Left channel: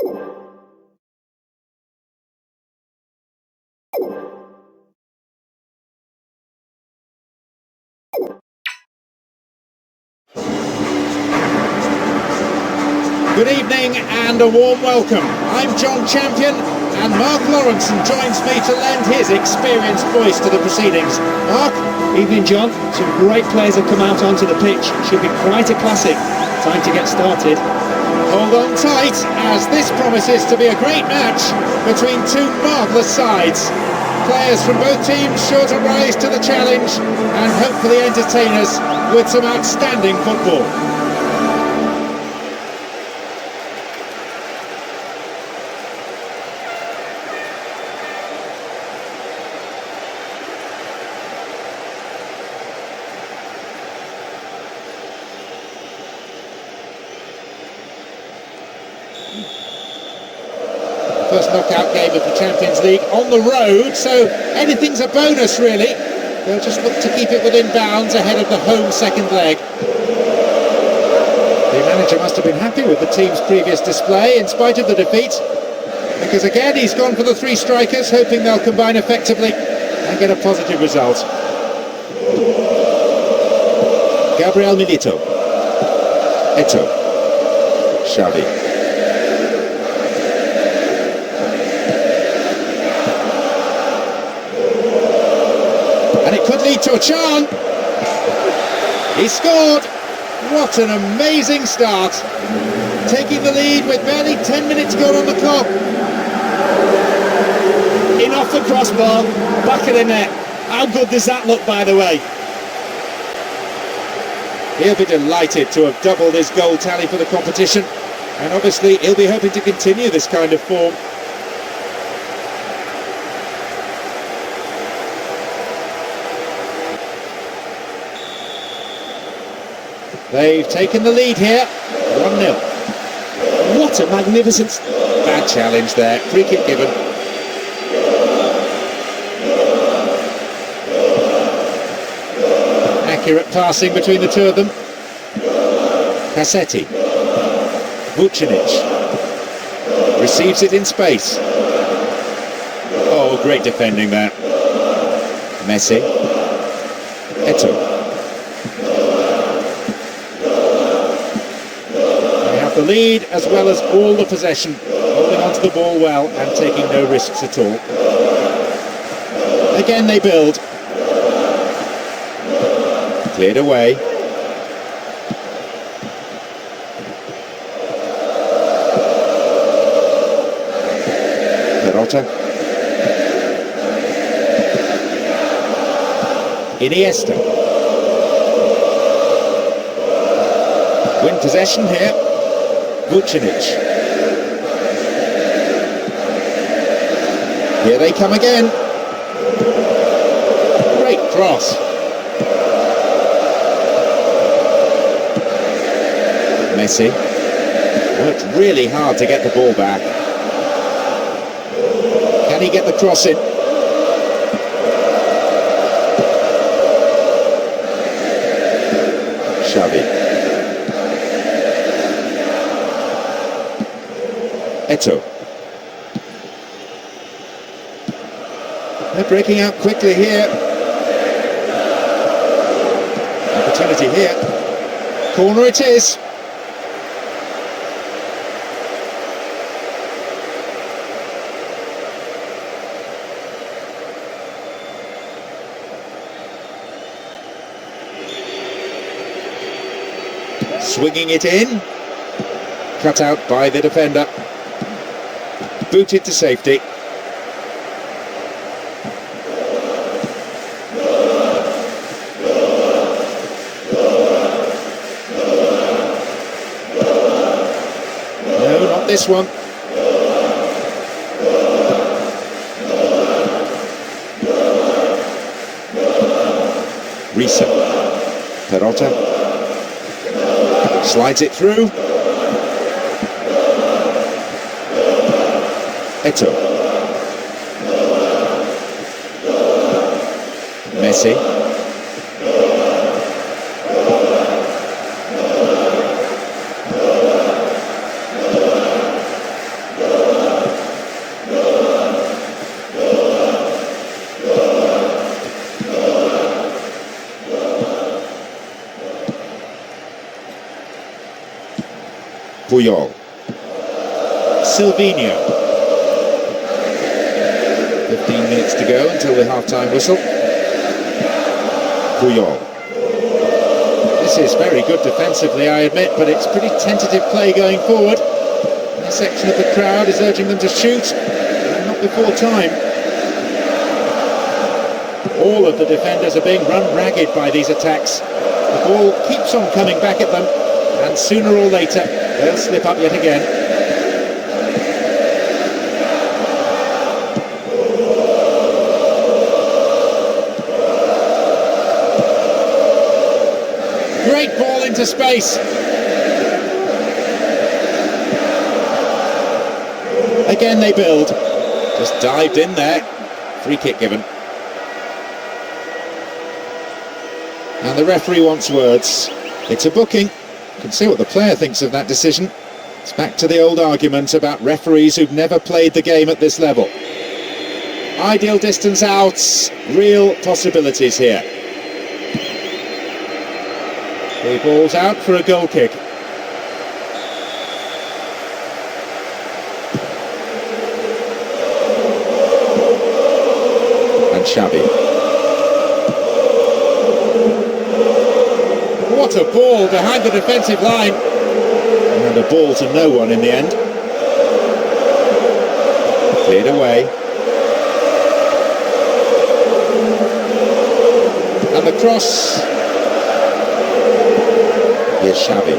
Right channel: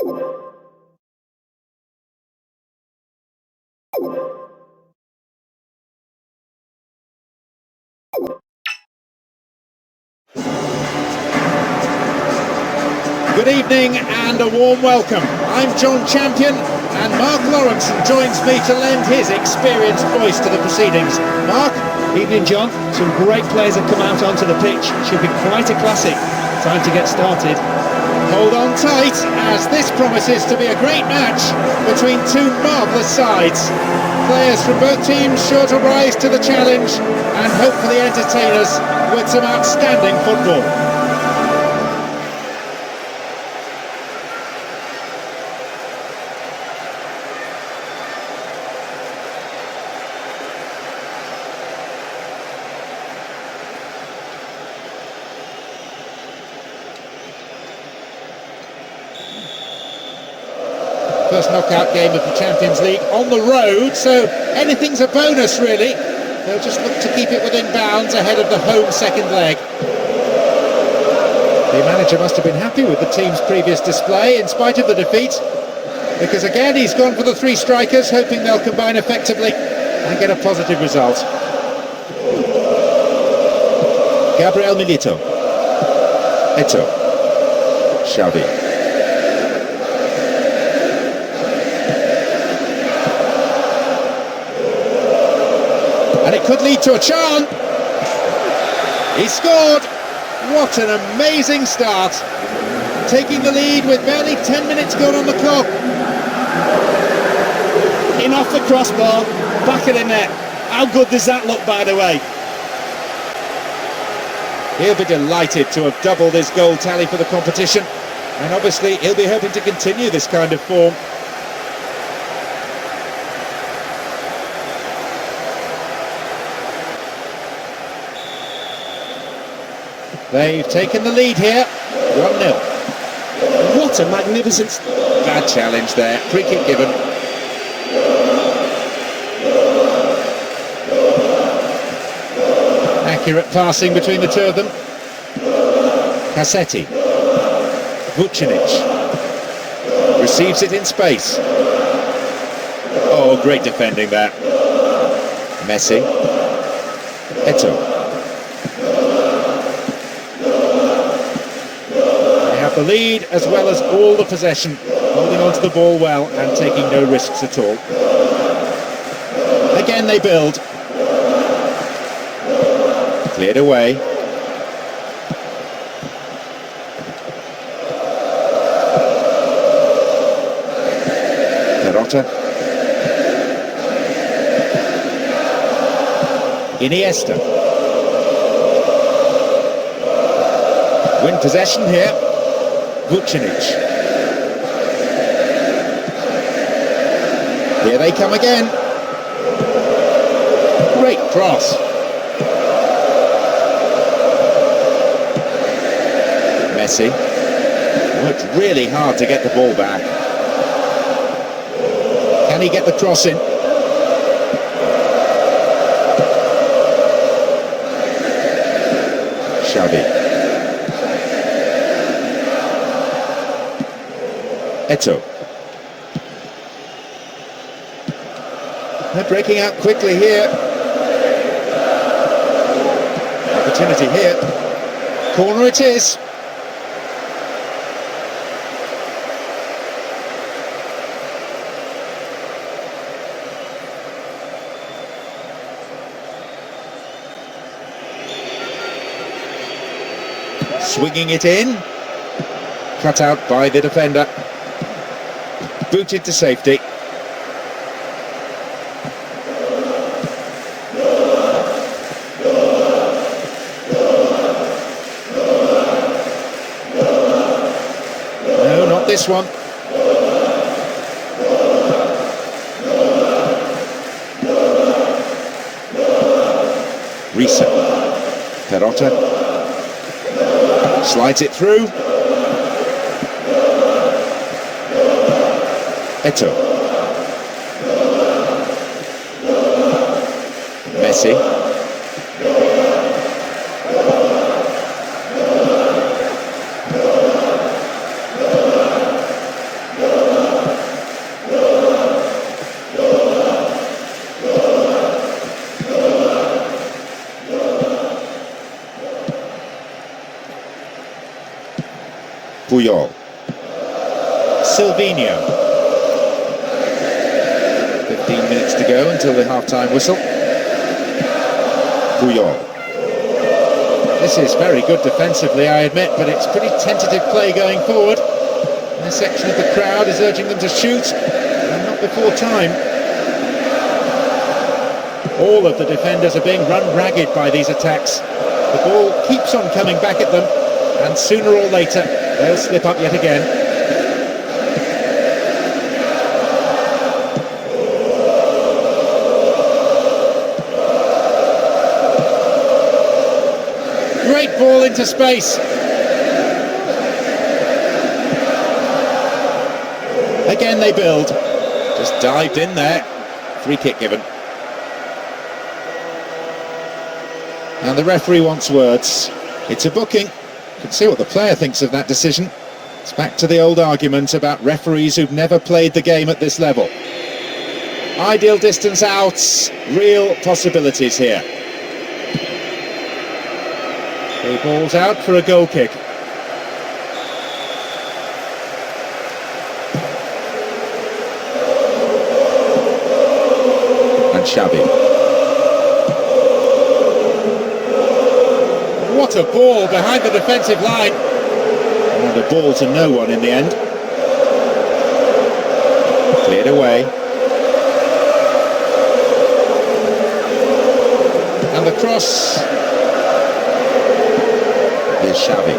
Good evening and a warm welcome. I'm John Champion and Mark Lawrenson joins me to lend his experienced voice to the proceedings. Mark? Evening, John. Some great players have come out onto the pitch. Should be quite a classic. Time to get started. Hold on tight, as this promises to be a great match between two marvellous sides. Players from both teams sure to rise to the challenge and hopefully entertain us with some outstanding football. First knockout game of the Champions League on the road, so anything's a bonus really. They'll just look to keep it within bounds ahead of the home second leg. The manager must have been happy with the team's previous display in spite of the defeat, because again he's gone for the three strikers, hoping they'll combine effectively and get a positive result. Gabriel Milito, Eto, Xavi. And it could lead to a chance. He scored. What an amazing start. Taking the lead with barely 10 minutes gone on the clock. In off the crossbar, back of the net. How good does that look, by the way? He'll be delighted to have doubled his goal tally for the competition. And obviously he'll be hoping to continue this kind of form. They've taken the lead here, 1-0. What a magnificent... Bad challenge there, free kick given. Accurate passing between the two of them. Caceres. Vucinic. Receives it in space. Oh, great defending there. Messi. Eto. The lead as well as all the possession, holding onto the ball well and taking no risks at all. Again they build. Cleared away. Perota. Iniesta. Win possession here. Vucinic. Here they come again. Great cross. Messi worked really hard to get the ball back. Can he get the cross in? Xavi. Eto. They're breaking out quickly here. Opportunity here. Corner it is. Swinging it in. Cut out by the defender. Booted to safety. No, not this one. Risa. Perota. Slides it through. Eto. Messi. Silvinho. 15 minutes to go until the half-time whistle. This is very good defensively, I admit, but it's pretty tentative play going forward. A section of the crowd is urging them to shoot, and not before time. All of the defenders are being run ragged by these attacks. The ball keeps on coming back at them, and sooner or later they'll slip up yet again. Great ball into space. Again they build. Just dived in there. Free kick given. And the referee wants words. It's a booking. You can see what the player thinks of that decision. It's back to the old argument about referees who've never played the game at this level. Ideal distance outs, real possibilities here. The ball's out for a goal kick. And Xavi. What a ball behind the defensive line. And a ball to no one in the end. Cleared away. And the cross. Here's Xavi.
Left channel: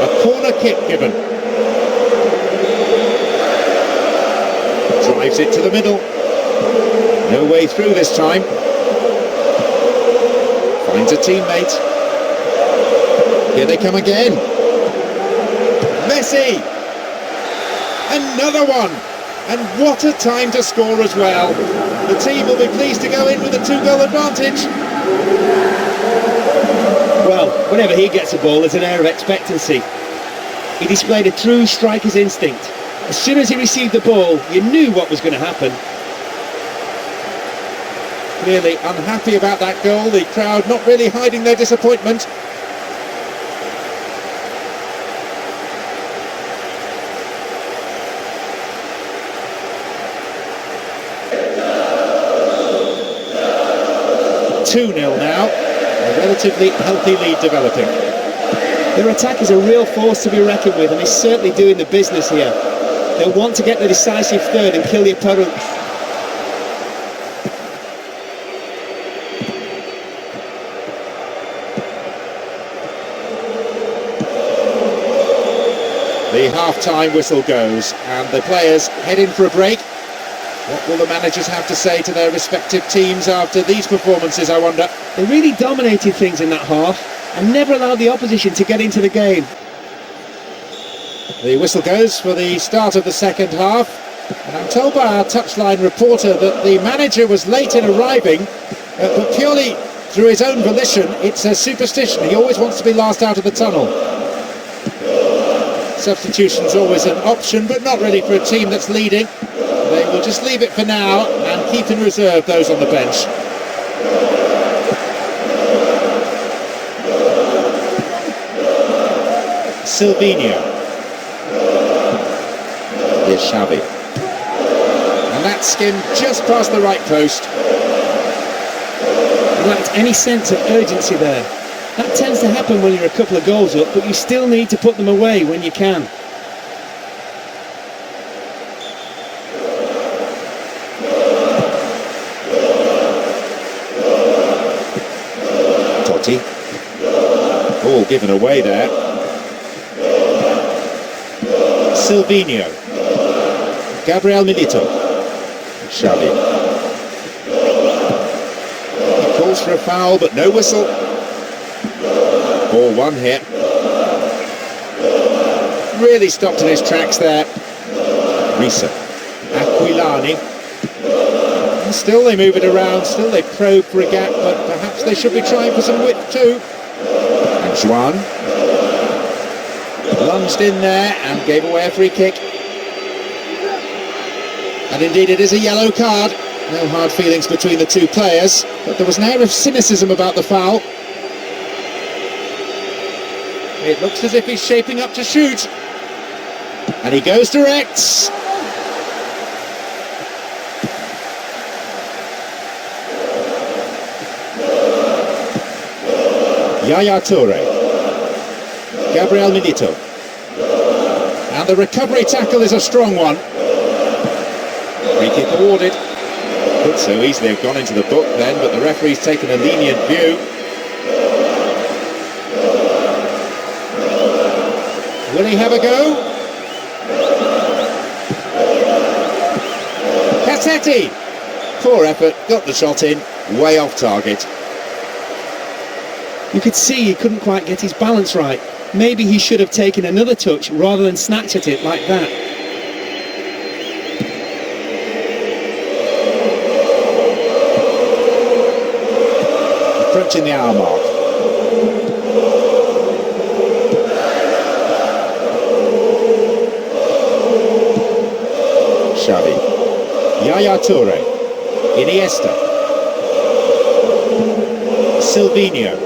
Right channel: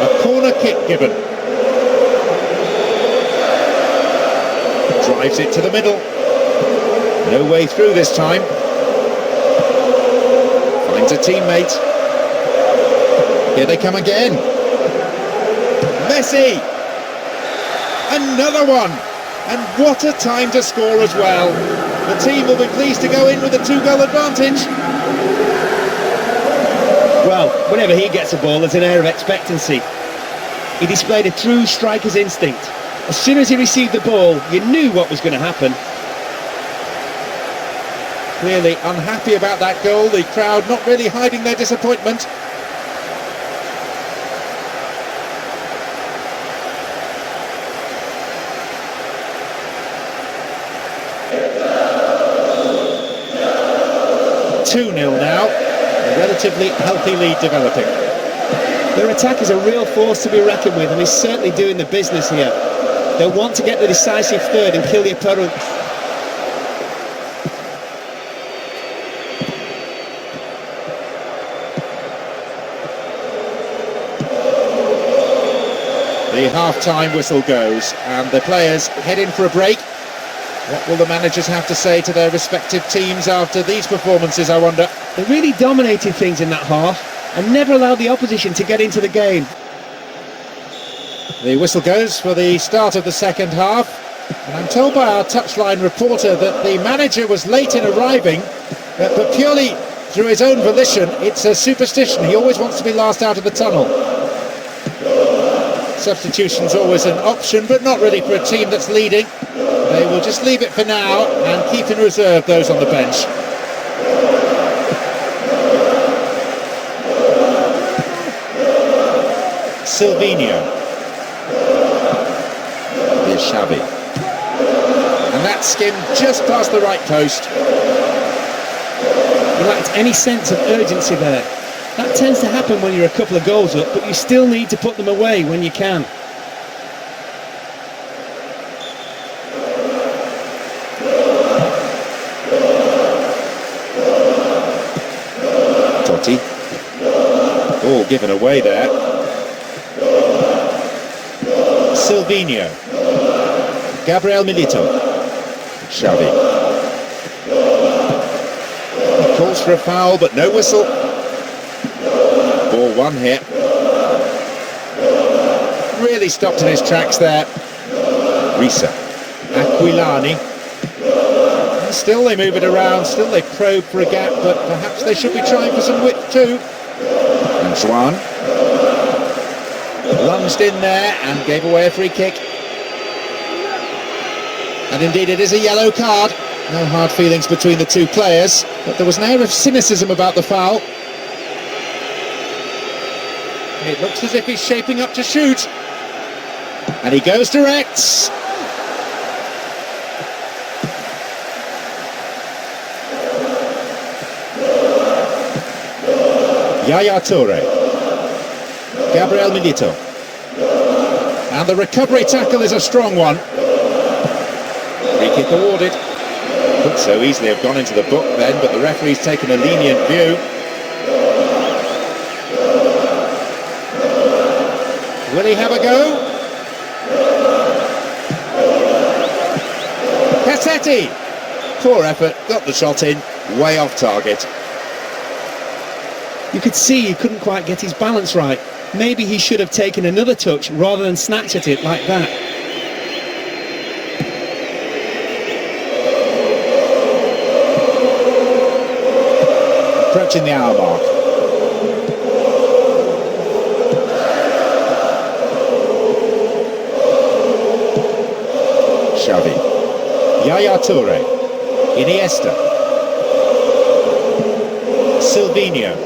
A corner kick given. Drives it to the middle. No way through this time. Finds a teammate. Here they come again. Messi! Another one! And what a time to score as well. The team will be pleased to go in with a 2-goal advantage. Well, whenever he gets a ball, there's an air of expectancy. He displayed a true striker's instinct. As soon as he received the ball, you knew what was going to happen. Clearly unhappy about that goal, the crowd not really hiding their disappointment. (2-0) now, a relatively healthy lead developing. Their attack is a real force to be reckoned with, and he's certainly doing the business here. They'll want to get the decisive third and kill the opponent. The half-time whistle goes, and the players head in for a break. What will the managers have to say to their respective teams after these performances, I wonder? They really dominated things in that half and never allowed the opposition to get into the game. The whistle goes for the start of the second half, and I'm told by our touchline reporter that the manager was late in arriving, but purely through his own volition. It's a superstition. He always wants to be last out of the tunnel. Substitution's always an option, but not really for a team that's leading. They will just leave it for now and keep in reserve those on the bench. Silvinho. Here's Xavi. And that skimmed just past the right post. He lacked any sense of urgency there. That tends to happen when you're a couple of goals up, but you still need to put them away when you can. Totti. All given away there. Silvinho. Gabriel Milito. Xavi. He calls for a foul, but no whistle. Ball one here. Really stopped in his tracks there. Risa. Aquilani. And still they move it around, still they probe for a gap, but perhaps they should be trying for some width too. And Juan. Lunged in there and gave away a free kick. And indeed it is a yellow card. No hard feelings between the two players, but there was an air of cynicism about the foul. It looks as if he's shaping up to shoot. And he goes direct. Yaya Toure. Gabriel Milito. And the recovery tackle is a strong one. Free kick awarded. Could so easily have gone into the book then, but the referee's taken a lenient view. Will he have a go? Caceres! Poor effort, got the shot in, way off target. You could see he couldn't quite get his balance right. Maybe he should have taken another touch rather than snatch at it like that. Approaching the hour mark. Xavi. Yaya Toure. Iniesta. Silvinho.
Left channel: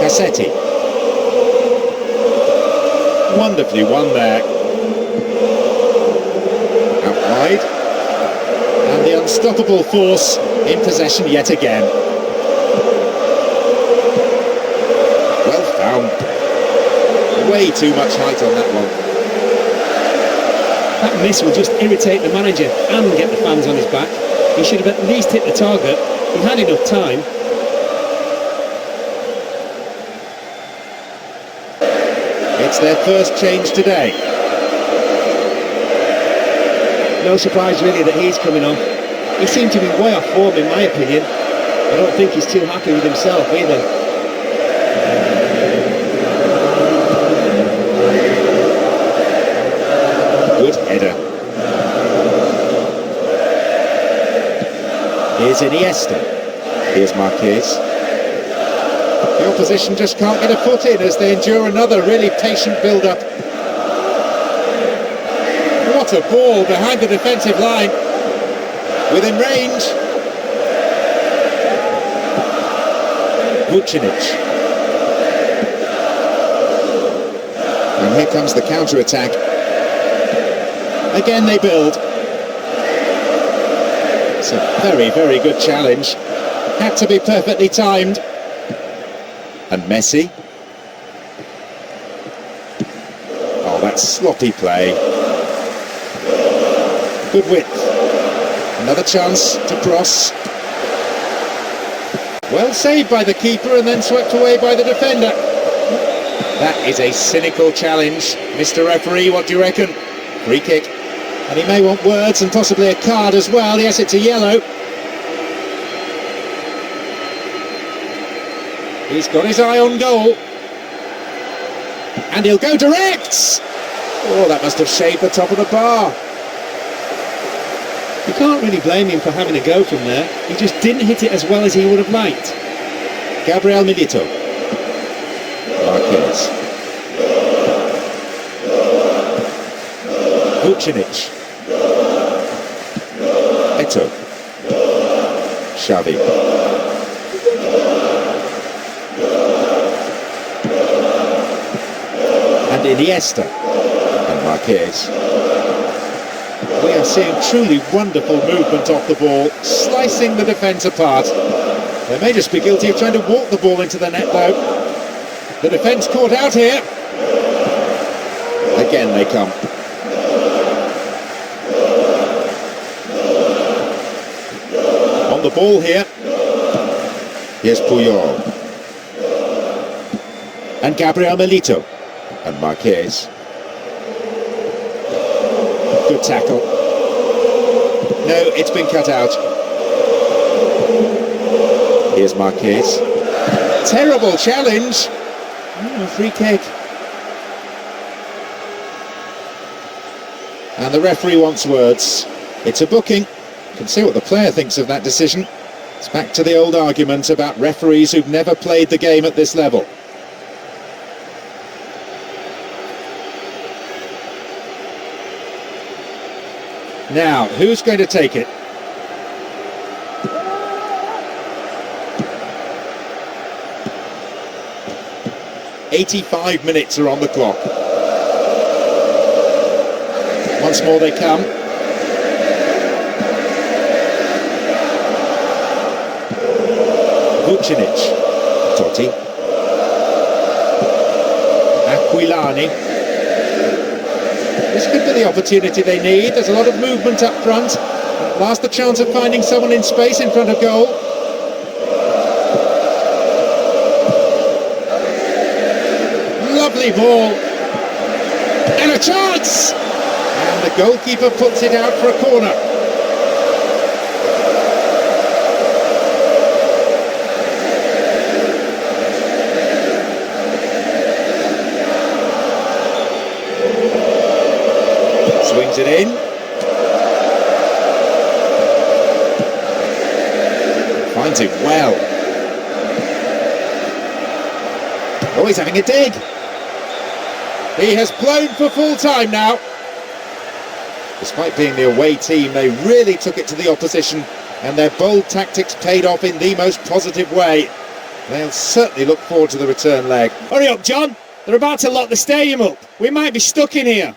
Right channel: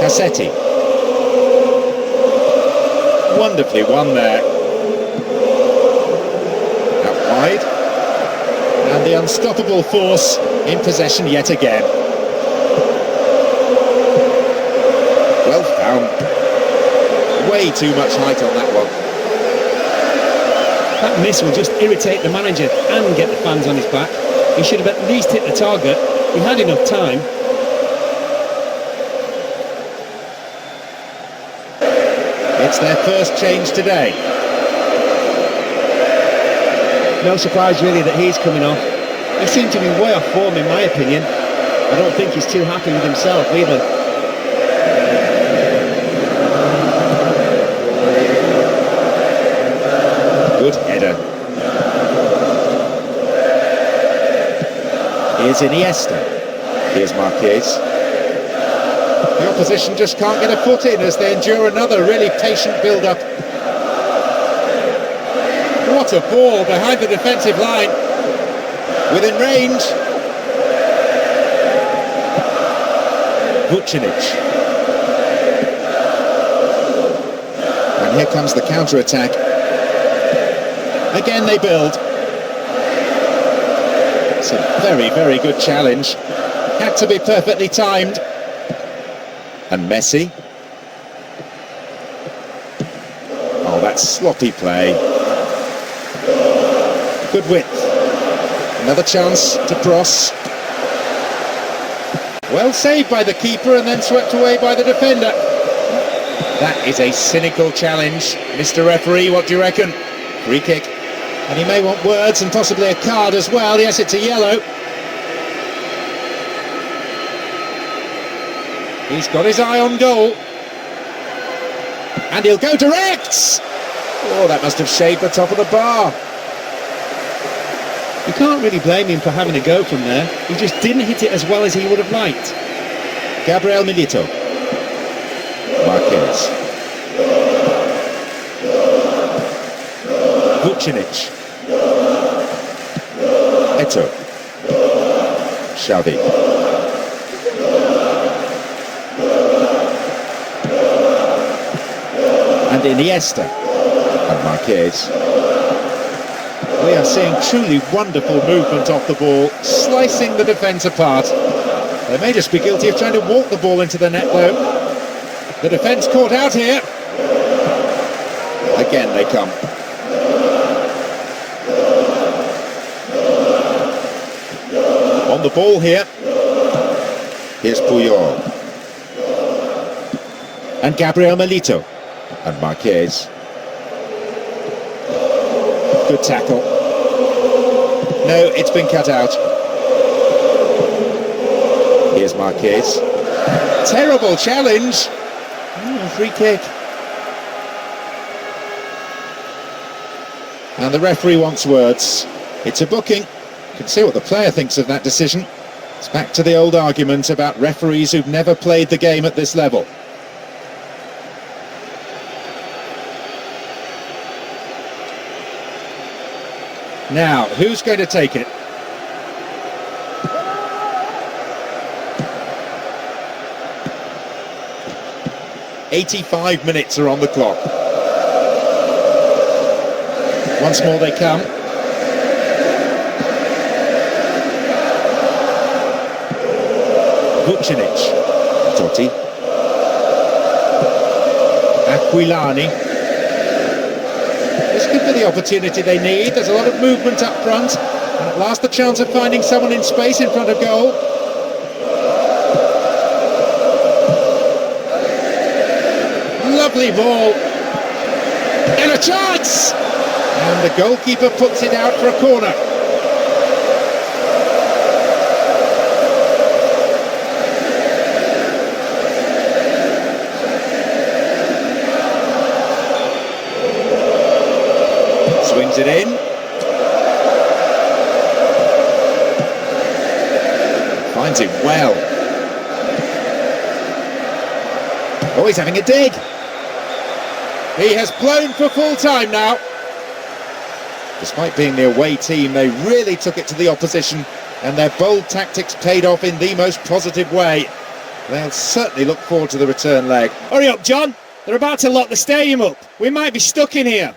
Caceres. Wonderfully won there. Out wide. And the unstoppable force in possession yet again. Well found. Way too much height on that one. That miss will just irritate the manager and get the fans on his back. He should have at least hit the target. He had enough time. It's their first change today. No surprise really that he's coming off. He seemed to be way off form in my opinion. I don't think he's too happy with himself either. Good header. Here's Iniesta. Here's Mexes. The opposition just can't get a foot in as they endure another really patient build-up. What a ball behind the defensive line. Within range. Vucinic. And here comes the counter-attack. Again they build. It's a very, very good challenge. Had to be perfectly timed. And Messi. Oh, that's sloppy play. Good width. Another chance to cross. Well saved by the keeper and then swept away by the defender. That is a cynical challenge. Mr. Referee, what do you reckon? Free kick. And he may want words and possibly a card as well. Yes, it's a yellow. He's got his eye on goal. And he'll go direct! Oh, that must have shaved the top of the bar. You can't really blame him for having a go from there. He just didn't hit it as well as he would have liked. Gabriel Milito. Mexes. Vucinic. Eto'o. Xavi. And Iniesta. And Mexes. We are seeing truly wonderful movement off the ball, slicing the defence apart. They may just be guilty of trying to walk the ball into the net though. The defence caught out here. Again they come. On the ball here. Here's Puyol. And Gabriel Milito. And Mexes. Good tackle. No, it's been cut out. Here's Mexes. Terrible challenge. Oh, free kick. And the referee wants words. It's a booking. You can see what the player thinks of that decision. It's back to the old argument about referees who've never played the game at this level. Now, who's going to take it? "85 minutes are on the clock. Once more they come. Vucinic. Totti. Aquilani. This could be the opportunity they need. There's a lot of movement up front, and at last the chance of finding someone in space in front of goal. Lovely ball, and a chance! And the goalkeeper puts it out for a corner. Swings it in. Finds it well. Oh, he's having a dig. He has blown for full time now. Despite being the away team, they really took it to the opposition, and their bold tactics paid off in the most positive way. They'll certainly look forward to the return leg. Hurry up, John. They're about to lock the stadium up. We might be stuck in here.